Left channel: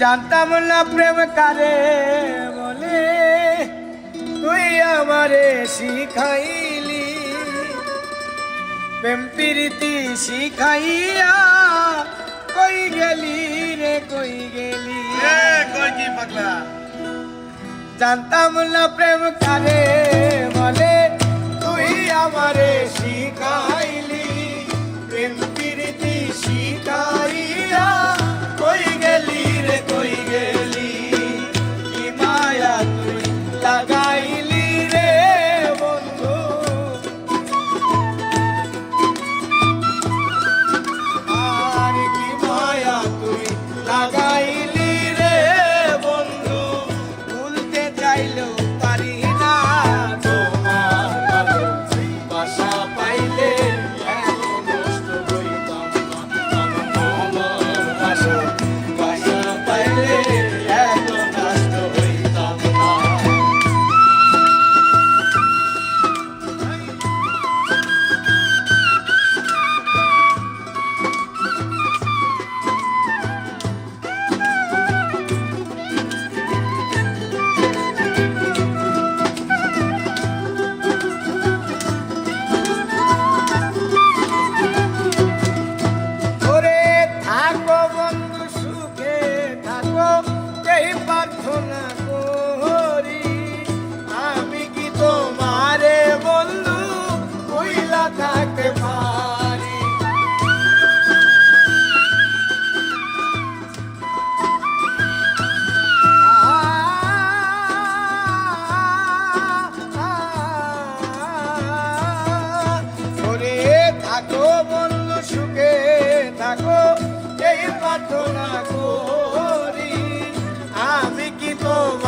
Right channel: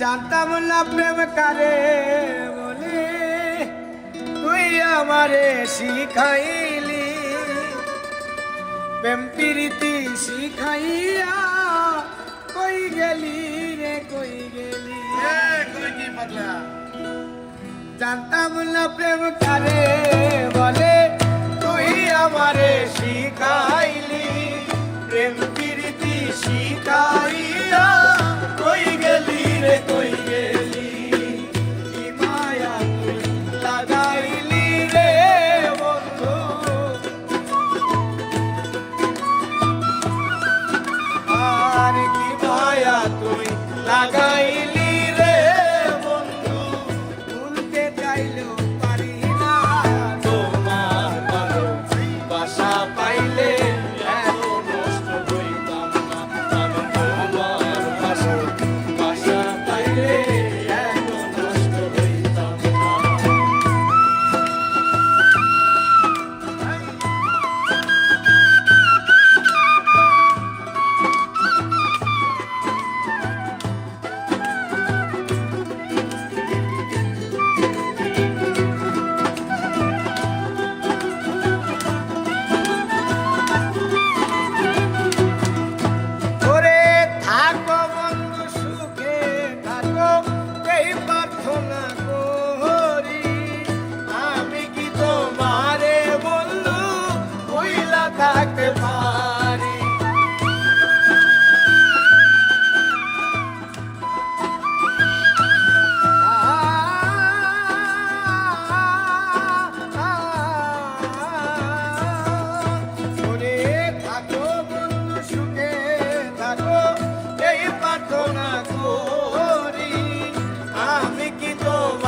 জানতাম না প্রেম কারে বলে, তুই আমারে শিখাইলি। প্রেম প্রীতি শিখাইয়া কই গেলি রে কই গেলি। জানতাম না প্রেম কারে বলে, তুই আমারে শিখাইলি। প্রেম প্রীতি শিখাইয়া কই গেলি রে কই গেলি। কি মায়া তুই লাগাইলি রে বন্ধু, আর কি মায়া তুই লাগাইলি রে বন্ধু। ভুলতে চাইলেও পারি না তোমার ভালোবাসা পাইলে। থাকো বন্ধু সুখে থাকো, এই প্রার্থনা করি। আমি কি তোমারে বন্ধু ভুইলা থাকতে পারি। থাকো বন্ধু সুখে থাকো, এই প্রার্থনা করি। আমি কি তোমার